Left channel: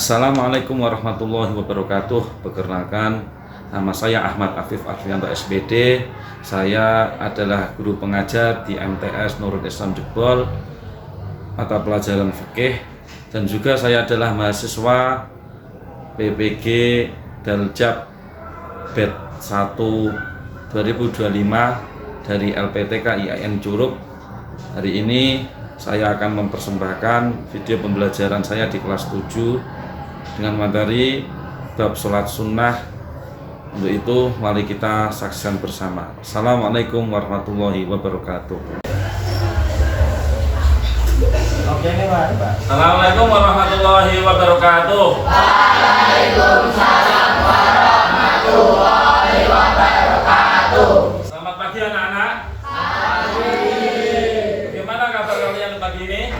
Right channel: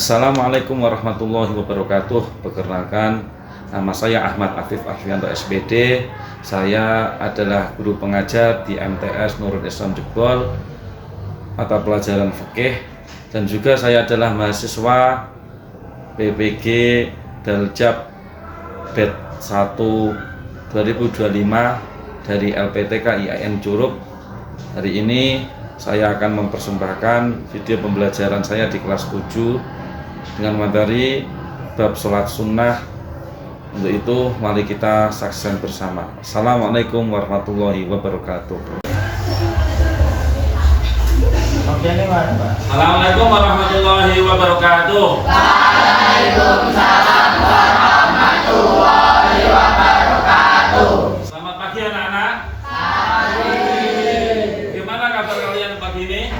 Assalamualaikum warahmatullahi wabarakatuh. Perkenalkan, nama saya Ahmad Afif Arfianto SPD. Saya adalah guru pengajar di MTS Nurul Islam Jebol, mata pelajaran fikih, dan juga saya adalah mahasiswa PPG Daljab BED 1 2025 dari LPTK IAIN Curug. Hari ini saya akan mempersembahkan video pembelajaran saya di kelas 7 dengan materi bab sholat sunnah. Untuk itu mari kita saksikan bersama. Assalamualaikum warahmatullahi wabarakatuh. Oke nih Pak. Assalamualaikum warahmatullahi wabarakatuh. Waalaikumsalam warahmatullahi wabarakatuh. Selamat pagi anak-anak. Gimana kabar kalian pagi ini?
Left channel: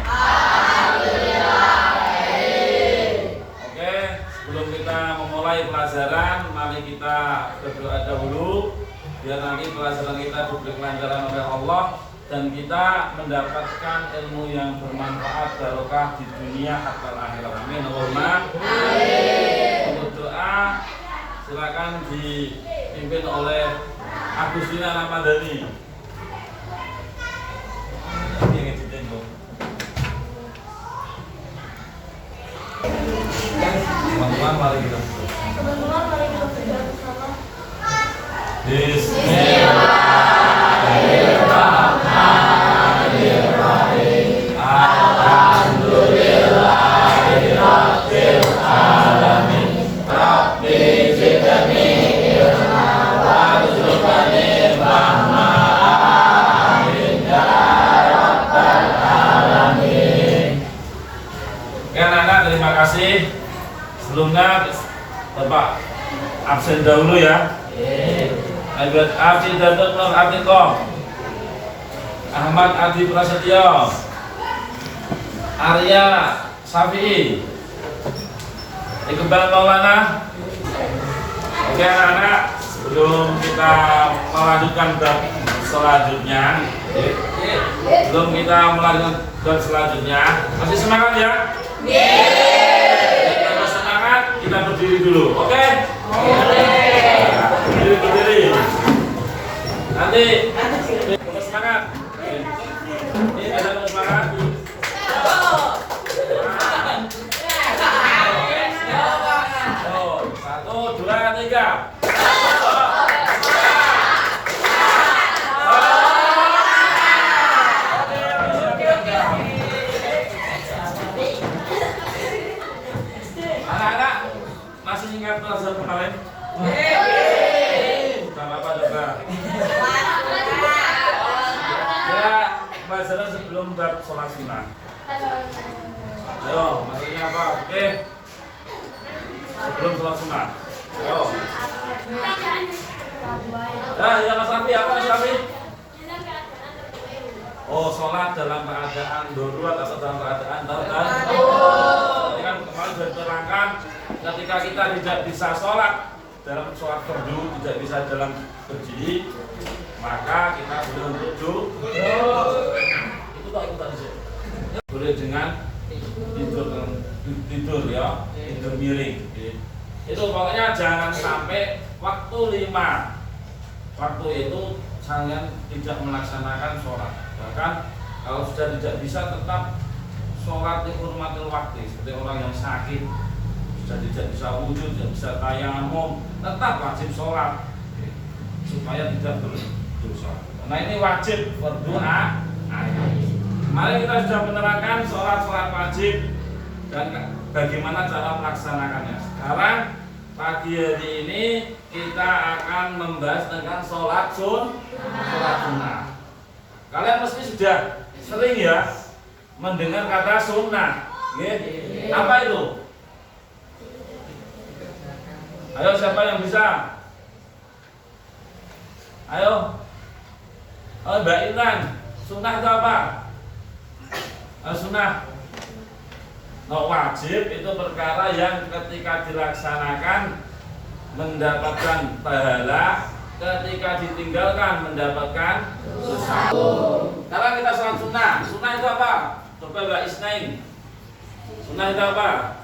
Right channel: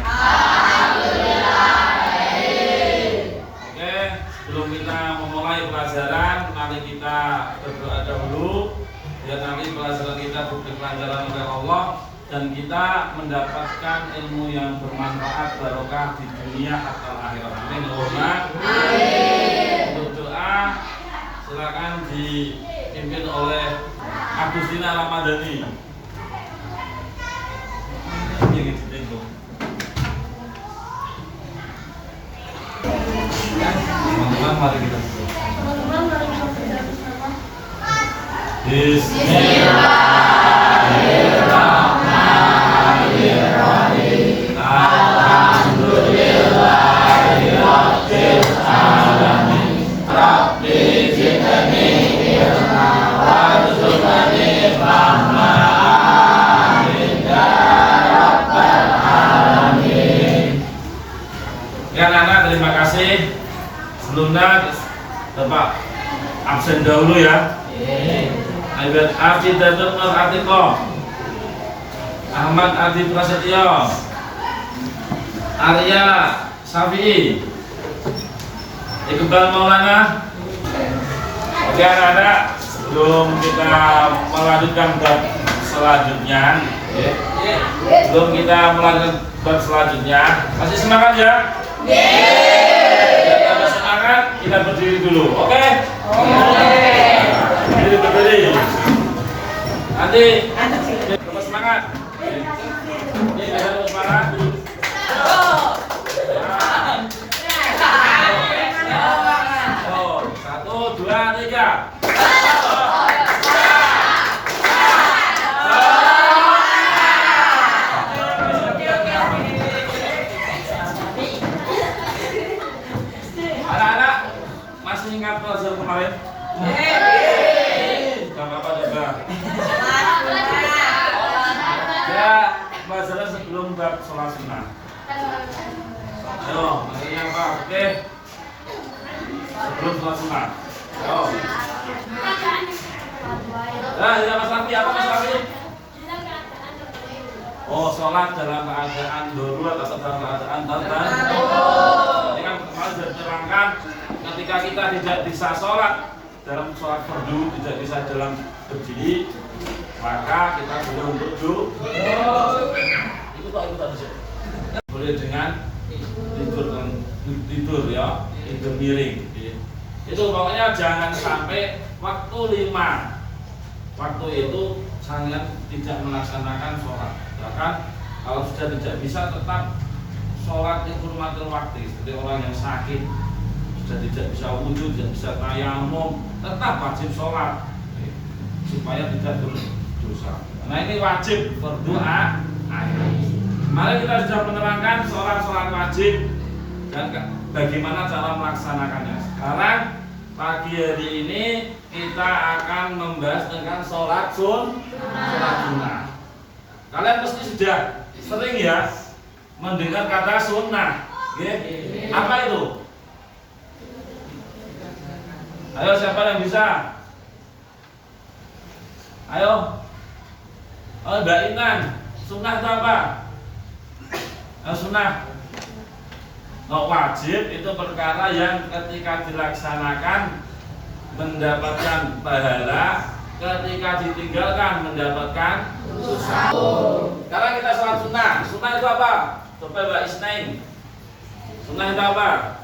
Oke, sebelum kita memulai pelajaran, mari kita berdoa dahulu biar nanti pelajaran kita diberi kelancaran oleh Allah dan kita mendapatkan ilmu yang bermanfaat barokah di dunia atau akhirat. Amin. Untuk doa silakan dipimpin oleh Agustina Ramadhani. Ingin ditembok. Teman-teman mari kita berdoa. Bismillahirrahmanirrahim. Alhamdulillahirabbil alamin. Rabbi zidni ilma warzuqni fahma. Amin ya rabbal alamin. Ya anak-anak, terima kasih. Sebelumnya Bapak absen dahulu ya. Ayat Arti Datuk Nur Artiko, Ahmad Adi Prasetyo, Arya Safi'i, Iqbal Maulana. Oke anak-anak, sebelum kita melanjutkan bab selanjutnya, masih semangat ya? Kalau semangat, kita berdiri dulu, oke? Berdiri. Nanti terus semangat. Ini terus semangat. Satu, dua, tiga. Anak-anak masih ingat pelajaran kemarin? Ya, pelajaran sebelum bab sholat sunnah. Ayo, materinya apa? Oke. Sebelum sholat sunnah. Ayo. Ya Mas Rafi, apa Mas Rafi? Oh, sholat dalam keadaan darurat atau dalam keadaan darurat. Tadi kan kemarin sudah diterangkan, ketika kita tidak bisa sholat dalam sholat fardu, tidak bisa dalam berdiri, maka kita boleh untuk itu tadi boleh dengan tidur ya, tidur miring. Itu pokoknya jangan sampai waktu 5 waktu itu jangan tidak melaksanakan sholat. Bahkan kalau sudah tidak bisa tetap sholat yang hurmatil waktu, seperti orang yang sakit sudah tidak bisa wudhu, tidak bisa tayamum, tetap wajib sholat supaya tidak berdosa. Nah ini wajib berdoa. Mari kita sudah menerangkan sholat wajib dan bagaimana cara melaksanakannya. Sekarang pagi hari ini kita akan membahas tentang sholat sunnah. Kalian pasti sudah sering ya mendengar kata sunnah. Apa itu? Ayo siapa yang bisa? Ayo. Oh, Mbak Intan, sunnah itu apa? Sunnah. Wajib itu perkara yang ketika dilaksanakan mendapatkan pahala, ketika ditinggalkan mendapatkan dosa. Sekarang kita sholat sunnah. Sunnah itu apa? Coba Mbak Isnain. Sunnah itu apa?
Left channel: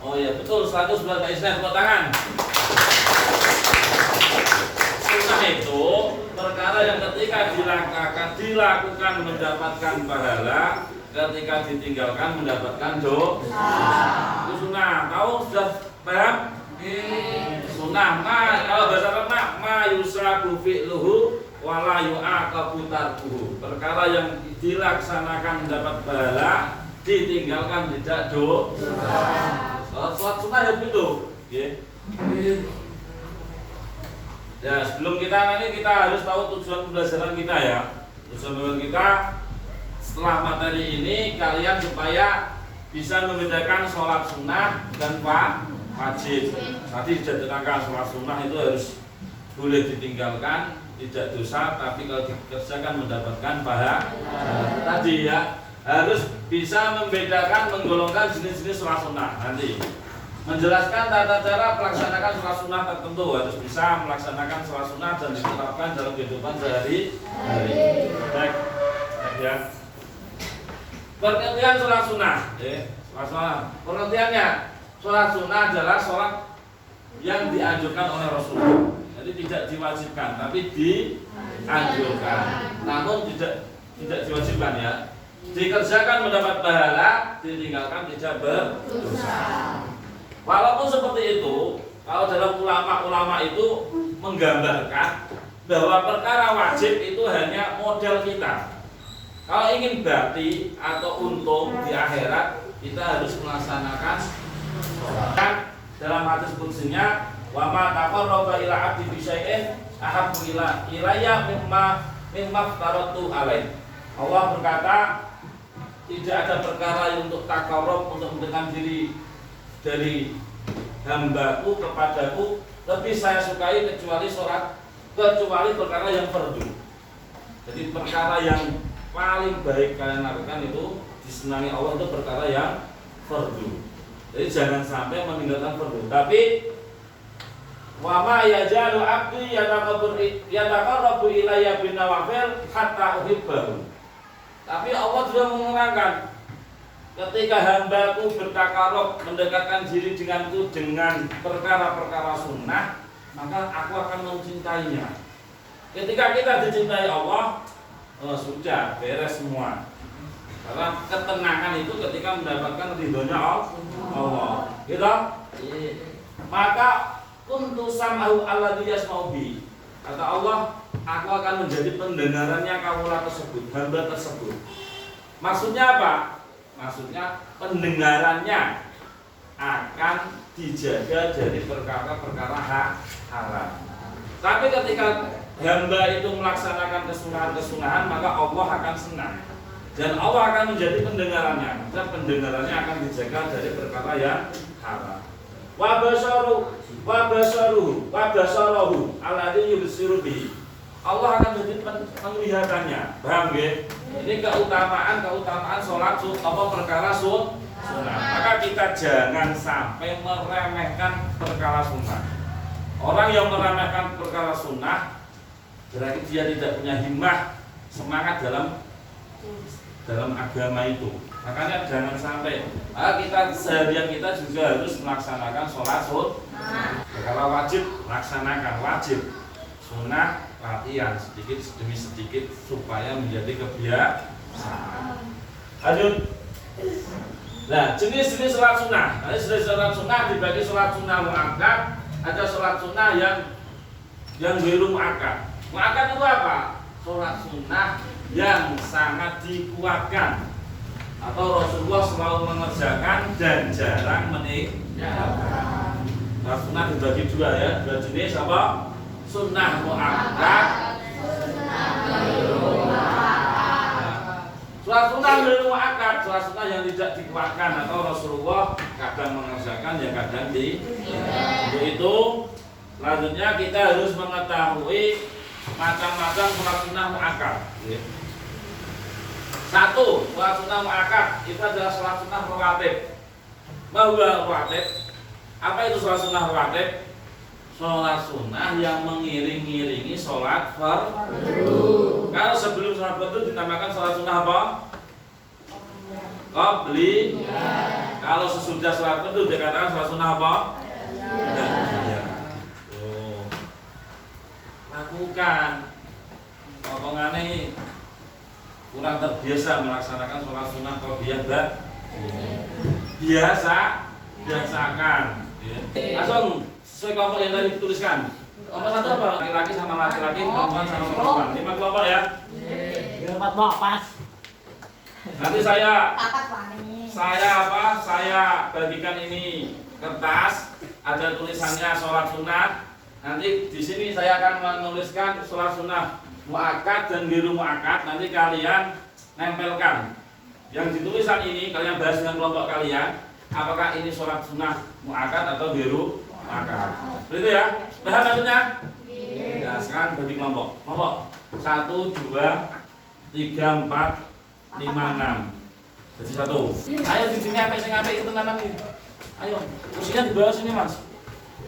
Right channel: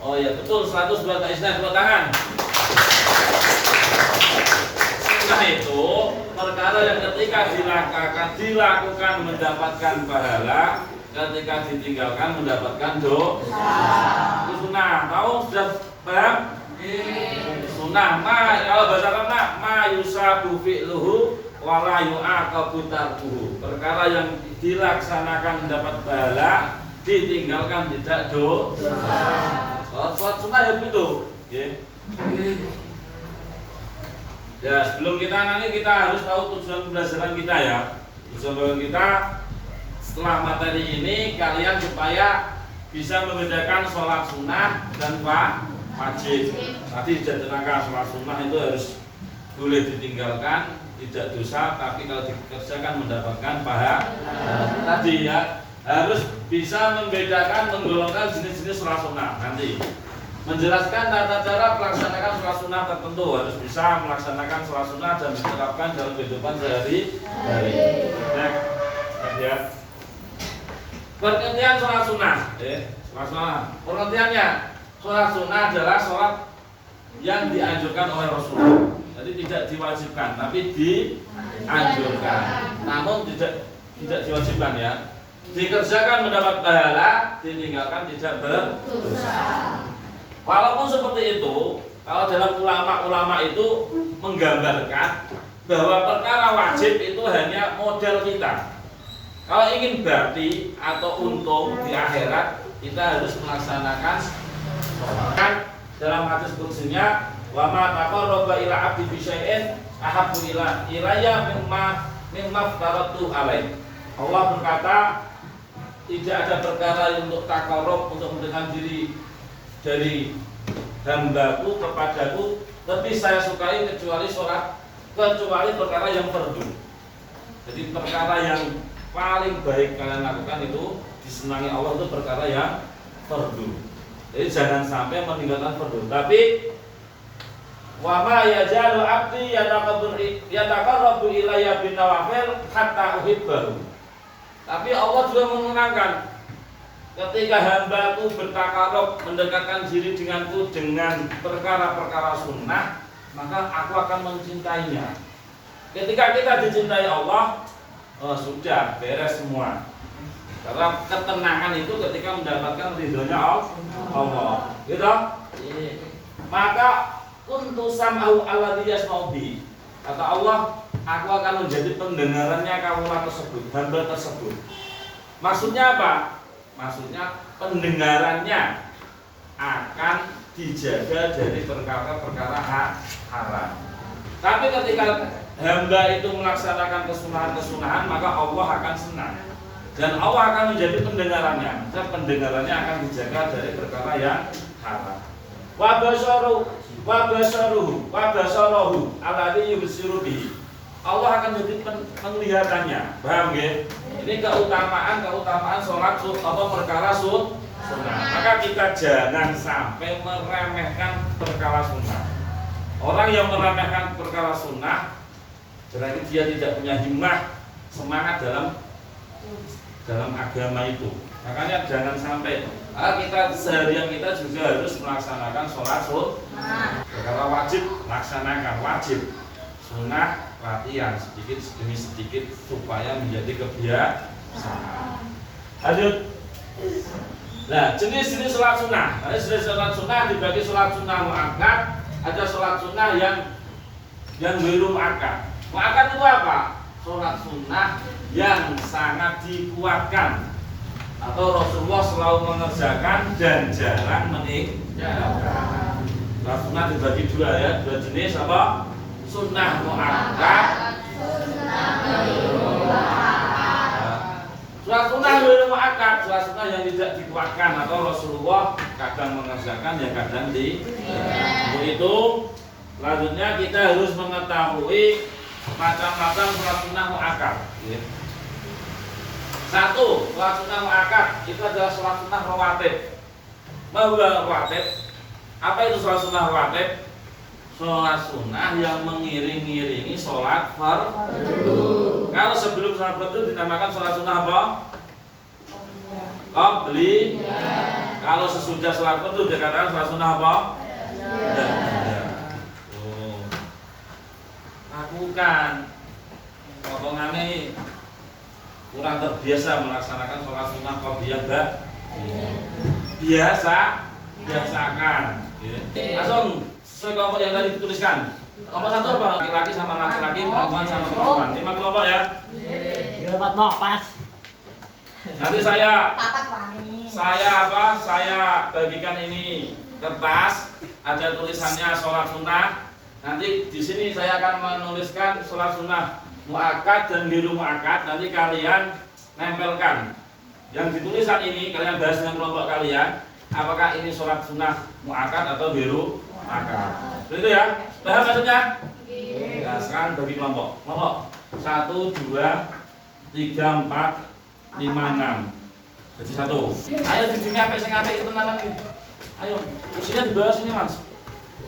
Oh ya betul, 100 buat Kak Isna, tepuk tangan. Sunnah itu perkara yang ketika dilakukan mendapatkan pahala, ketika ditinggalkan mendapatkan dosa. Itu sunnah. Tahu sudah paham? Sunnah. Kalau bahasa Arab ma yusabu fi'luhu wala yu'aqabu tarkuhu. Perkara yang dilaksanakan mendapat pahala, ditinggalkan tidak dosa. Sholat sunnah ya begitu. Ya, sebelum kita harus tahu tujuan pembelajaran kita ya. Tujuan pembelajaran kita setelah materi ini kalian supaya bisa membedakan sholat sunnah dan wajib. Tadi sudah diterangkan sholat sunnah itu harus boleh ditinggalkan, tidak dosa, tapi kalau dikerjakan mendapatkan pahala. Tadi ya harus bisa membedakan, menggolongkan jenis-jenis sholat sunnah. Nanti menjelaskan tata cara melaksanakan sholat sunnah tertentu, harus bisa melaksanakan sholat sunnah dan diterapkan dalam kehidupan sehari-hari. Baik, ya. Pengertian sholat sunnah, sholat sunnah. Pengertiannya, sholat sunnah adalah sholat yang dianjurkan oleh Rasulullah. Jadi tidak diwajibkan, tapi dianjurkan. Namun tidak diwajibkan ya. Dikerjakan mendapat pahala, ditinggalkan tidak berdosa. Walaupun seperti itu, kalau dalam ulama itu menggambarkan bahwa perkara wajib itu hanya modal kita. Kalau ingin bakti atau untung di akhirat, kita harus melaksanakan sholat. Dalam hadis qudsinya, wa ma taqarraba ila 'abdi bi syai'in ahabbu ilayya mimma faratu alaih. Allah berkata, tidak ada perkara yang untuk taqarrub, untuk mendekatkan diri dari hambaku kepadaku lebih saya sukai kecuali sholat, kecuali perkara yang fardu. Jadi perkara yang paling baik kalian lakukan itu disenangi Allah itu perkara yang fardu. Jadi jangan sampai meninggalkan fardu. Tapi wa ma yajalu abdi yataqarrabu ilayya bin nawafil hatta uhibbahu. Tapi Allah juga menerangkan, ketika hambaku bertakarub mendekatkan diri denganku dengan perkara-perkara sunnah, maka aku akan mencintainya. Ketika kita dicintai Allah, sudah beres semua. Karena ketenangan itu ketika mendapatkan ridhonya Allah. Gitu? Maka kuntu sam'ahu alladzi yasma'u bi. Kata Allah, aku akan menjadi pendengarannya kaula tersebut, hamba tersebut. Maksudnya apa? Maksudnya pendengarannya akan dijaga dari perkara-perkara haram. Tapi ketika hamba itu melaksanakan kesunahan-kesunahan, maka Allah akan senang. Dan Allah akan menjadi pendengarannya. Dan pendengarannya akan dijaga dari perkara yang haram. Wa basaruhu alladzi yubsiru bihi. Allah akan jadi penglihatannya. Paham nggih? Ini keutamaan sholat perkara sunnah. Maka kita jangan sampai meremehkan perkara sunnah. Orang yang meremehkan perkara sunnah berarti dia tidak punya himmah, semangat dalam agama itu. Makanya jangan sampai kita seharian kita juga harus melaksanakan sholat sunnah. Perkara wajib laksanakan wajib, sunnah latihan sedikit demi sedikit supaya menjadi kebiasaan. Lanjut. Nah, jenis-jenis sholat sunnah. Jenis sholat sunnah dibagi sholat sunnah muakkad, ada sholat sunnah yang belum muakkad. Muakkad itu apa? Sholat sunnah yang sangat dikuatkan atau Rasulullah selalu mengerjakan dan jarang meninggalkan. Sholat sunnah dibagi dua ya, dua jenis apa? Sunnah muakkad, sholat sunnah belum muakkad, sholat sunnah yang tidak dikuatkan atau Rasulullah kadang mengerjakan, yang kadang untuk itu, selanjutnya kita harus mengetahui macam-macam sholat sunnah muakkad. Satu, sholat sunnah muakkad itu adalah sholat sunnah rawatib. Rawatib. Apa itu sholat sunnah rawatib? Sholat sunnah yang mengiring-iringi sholat fardu. Kalau sebelum sholat fardu dinamakan sholat sunnah apa? Qabliyah. Kalau sesudah sholat fardu dikatakan sholat sunnah apa? Ya. Oh. Lakukan. Potongannya kurang terbiasa melaksanakan sholat sunnah qabliyah biasakan. Langsung sesuai kelompok yang tadi dituliskan. Kelompok satu apa? Laki-laki sama laki-laki, perempuan sama perempuan. 5 kelompok ya. Pas. Nanti saya bagikan ini kertas, ada tulisannya sholat sunnah. Nanti di sini saya akan menuliskan sholat sunnah muakkad dan biru muakkad. Nanti kalian nempelkan. Yang ditulisan ini kalian bahas dengan kelompok kalian. Apakah ini sholat sunnah muakkad atau biru muakkad? Begitu ya? Paham maksudnya? Nah, sekarang bagi kelompok. Kelompok 1, 2, 3, 4, 5, 6. Jadi 1. Ayo di sini sampai sing apik itu tenanan iki. Ayo, kursinya di bawah sini, Mas.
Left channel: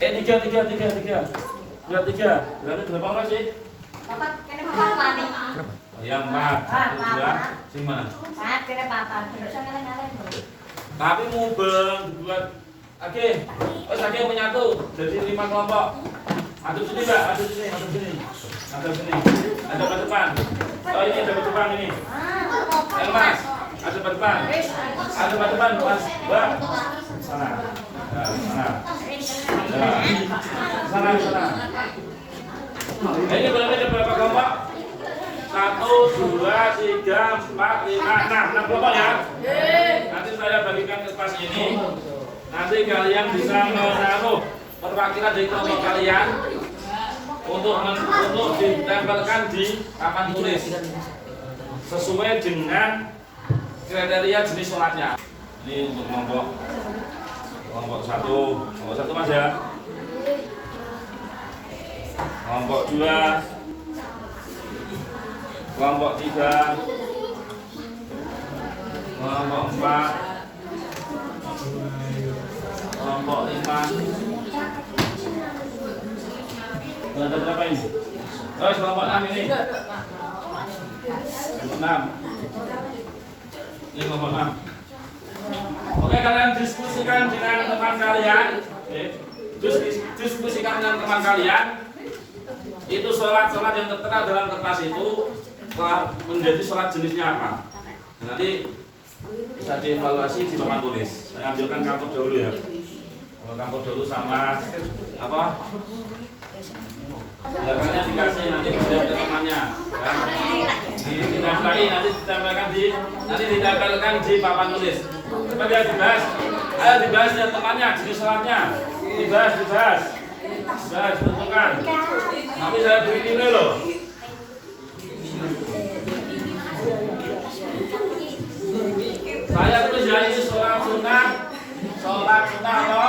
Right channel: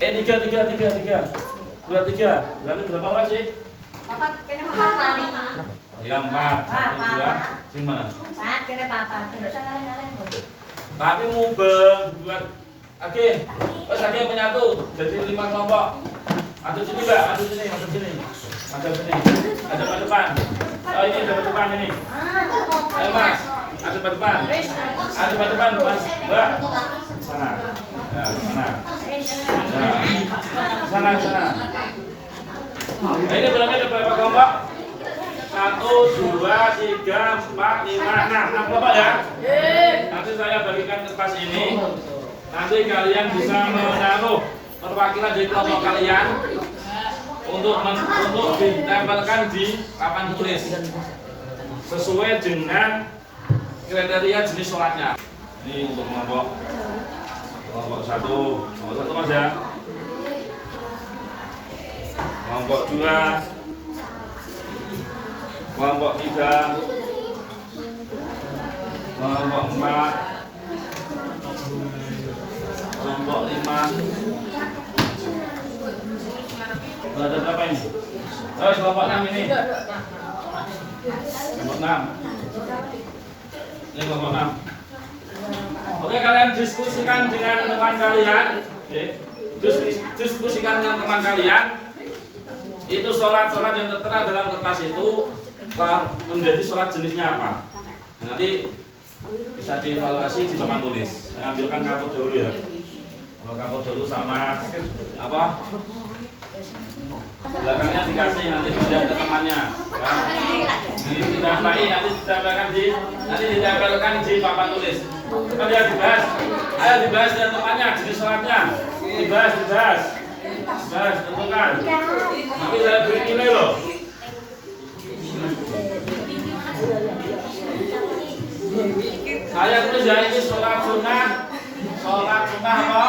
3. 2, 3. Berarti berapa orang sih? Oh, ya 4. 1, 2, gimana? Tapi mubeng buat oke. Wes oke menyatu jadi 5 kelompok. Masuk sini, Mbak. Masuk sini. Ada ke depan. Oh, ini ada ke depan ini. Ayo, Mas. Ada ke depan. Mas. Mbak. Sana. Ya, sana. Nah, ini berarti ada berapa kelompok? 1, 2, 3, 4, 5, 6 kelompok ya. Nanti saya bagikan kertas ini. Nanti kalian bisa menaruh perwakilan dari kelompok kalian untuk ditempelkan di papan tulis sesuai dengan kriteria jenis sholatnya. Ini untuk kelompok 1 Mas ya. Kelompok 2, kelompok 3, kelompok 4, kelompok 5. Ada berapa ini? Oh, kelompok 6 ini. Kelompok 6. Ini kelompok 6. Oke, kalian diskusikan dengan teman kalian. Oke. Diskusikan dengan teman kalian. Itu sholat-sholat yang tertera dalam kertas itu menjadi sholat jenisnya apa? Nanti bisa dievaluasi di papan tulis. Saya ambilkan kapur dulu ya. Kalau kapur dulu sama apa? Belakangnya dikasih nanti sudah ke temannya. Ya. Ditempelkan nanti ditempelkan di papan tulis. Coba dia dibahas. Ayo dibahas dengan temannya jenis sholatnya. Dibahas. Tentukan. Nanti saya beri nilai loh. Saya tulis ya ini sholat sunnah apa?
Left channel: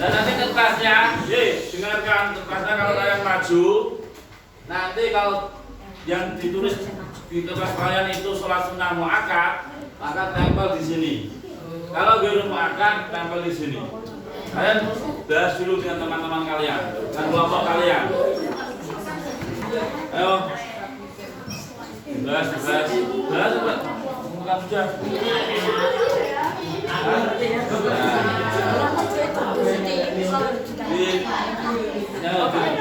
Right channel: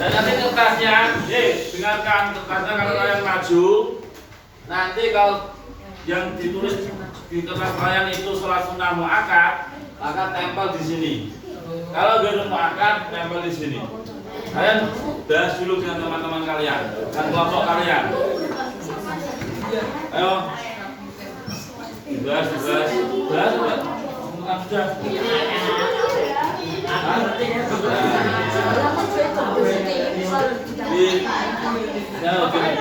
Dan nanti kertasnya, dengarkan kertasnya kalau kalian maju, nanti kalau yang ditulis di kertas kalian itu sholat sunnah muakkad, maka tempel di sini. Kalau biru muakkad, tempel di sini. Kalian bahas dulu dengan teman-teman kalian, dengan kelompok kalian. Ayo, bahas, bukan sudah.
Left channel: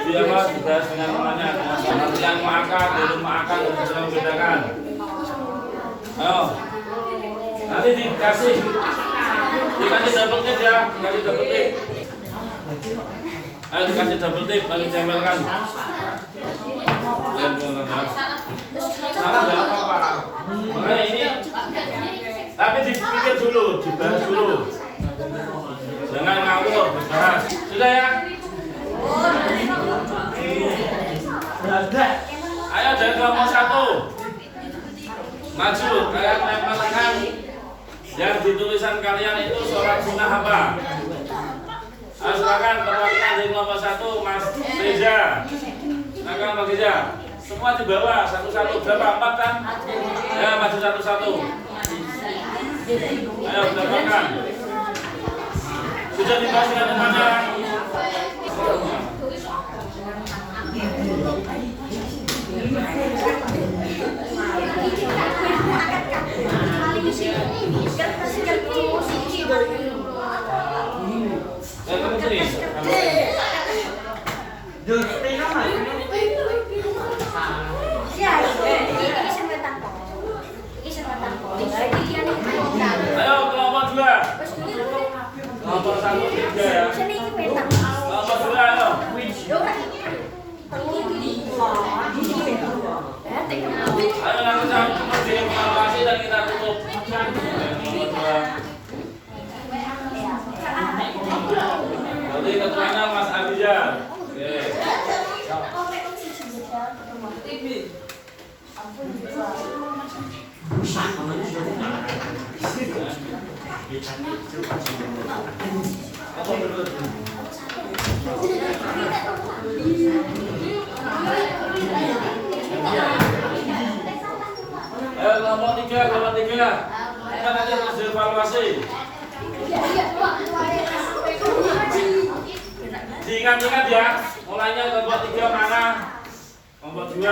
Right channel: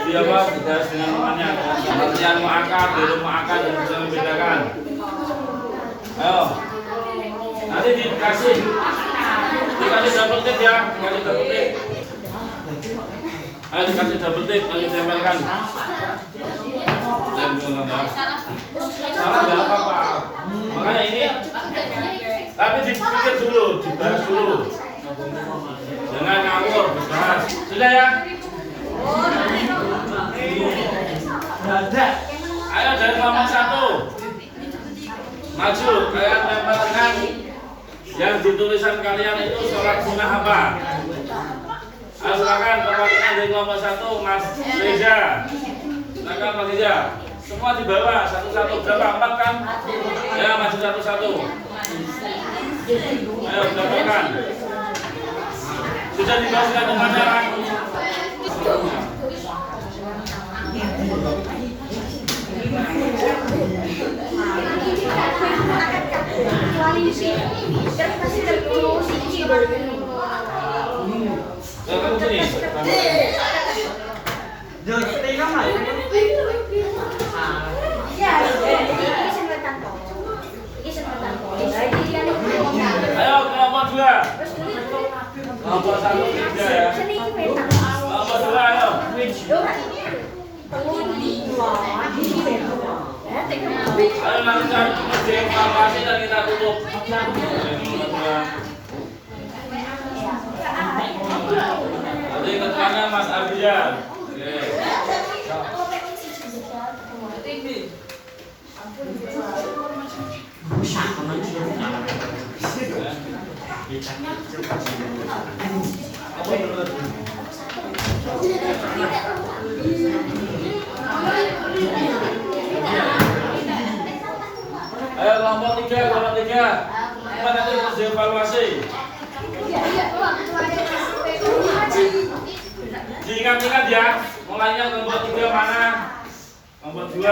Di apa dibahas dengan temannya, artian muakkad, biru muakkad dan bisa membedakan. Ayo, nanti dikasih double tip ya, dikasih double tip. Ayo dikasih double tip, nanti tempelkan. Salah nggak apa-apa. Makanya ini, tapi dipikir dulu, dibahas dulu. Jangan ngawur, dibahas. Sudah ya? Ayo dari kelompok 1 maju, kalian tempelkan yang ditulisan kalian itu sholat sunnah apa? Ayo silakan perwakilan dari kelompok 1 Mas Reza. Silakan Mas Reza. Semua di bawah satu-satu, berapa? 4 kan? Ya maju satu-satu. Ayo tempelkan. Sudah dibahas dengan mana? Kamu sini. Ayo kelompok 2. Kelompok 1, 3 ya. Kelompok 2 ayo. Ayo langsung dievaluasi dan kita tutup. Nanti ketuanya Mas Abidjan. Oke. Ayo kelompok 3. Kita nanti harus dievaluasi. Diingat-ingat ya, mulainya kelompok 3 mana? Kelompok 2.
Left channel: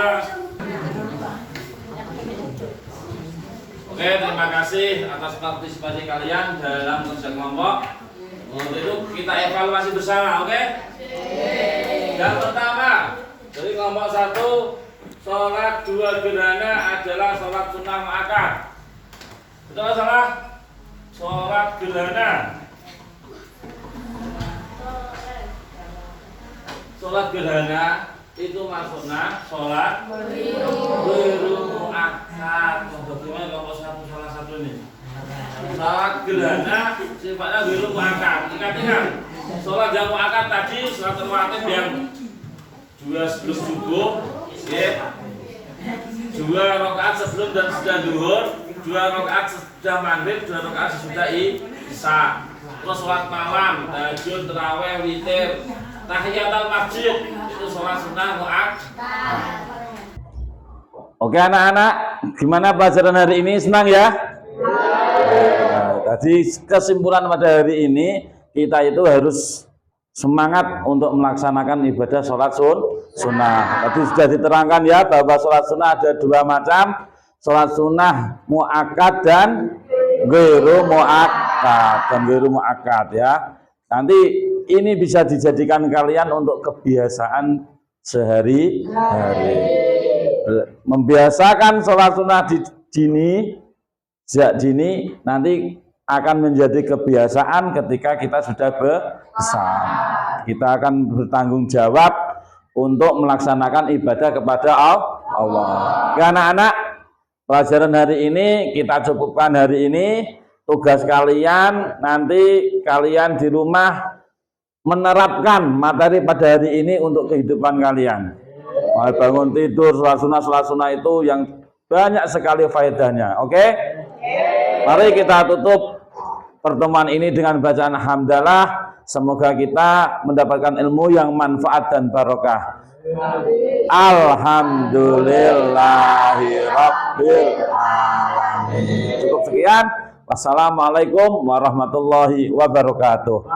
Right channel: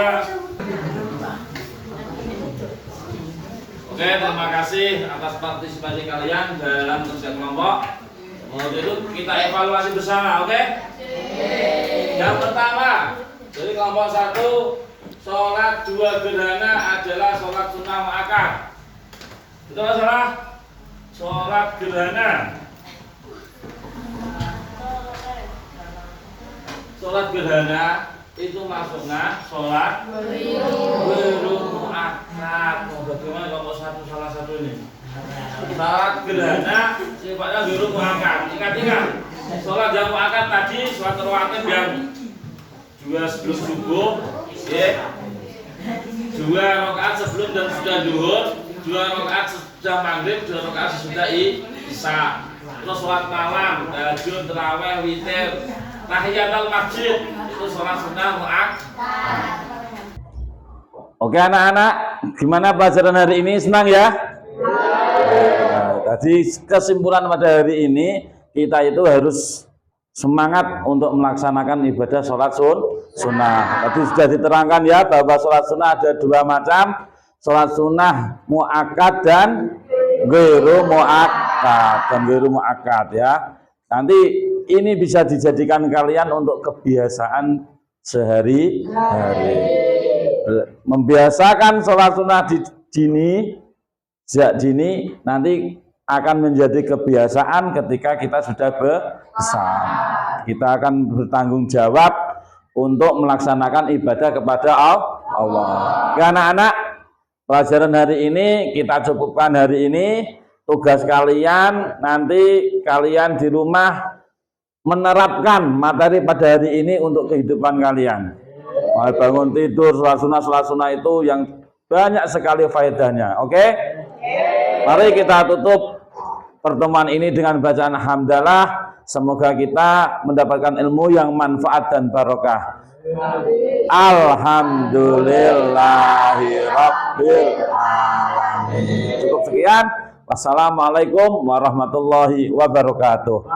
Oke, terima kasih atas partisipasi kalian dalam kerja kelompok. Untuk itu kita evaluasi bersama, oke? Yang pertama, dari kelompok 1, sholat 2 gerhana adalah sholat sunnah muakkad. Betul atau salah? Sholat gerhana. Sholat gerhana itu maksudnya sholat ghairu muakkad. Bagaimana kelompok 1 salah satu ini? Sholat gerhana sifatnya ghairu muakkad. Ingat-ingat, sholat yang muakkad tadi sholat rawatib yang 2 sebelum subuh, ya. 2 rakaat sebelum dan sudah zuhur, 2 rakaat sudah maghrib, 2 rakaat sudah isya. Terus sholat malam, tahajud, tarawih, witir, tahiyatul masjid itu sholat sunnah muakkad. Oke anak-anak, gimana pelajaran hari ini? Senang ya? Nah, tadi kesimpulan pada hari ini kita itu harus semangat untuk melaksanakan ibadah sholat sunnah. Tadi sudah diterangkan ya bahwa sholat sunnah ada 2 macam, sholat sunnah muakkad dan ghairu muakkad ya. Nanti ini bisa dijadikan kalian untuk kebiasaan sehari-hari. Membiasakan sholat sunnah sejak dini nanti akan menjadi kebiasaan ketika kita sudah besar. Kita akan bertanggung jawab untuk melaksanakan ibadah kepada Allah. Ya anak-anak, pelajaran hari ini kita cukupkan hari ini. Tugas kalian nanti kalian di rumah menerapkan materi pada hari ini untuk kehidupan kalian. Bangun tidur, sholat sunnah itu yang banyak sekali faedahnya. Oke? Mari kita tutup pertemuan ini dengan bacaan hamdalah. Semoga kita mendapatkan ilmu yang manfaat dan barokah. Alhamdulillahirabbil alamin. Cukup sekian. Wassalamualaikum warahmatullahi wabarakatuh.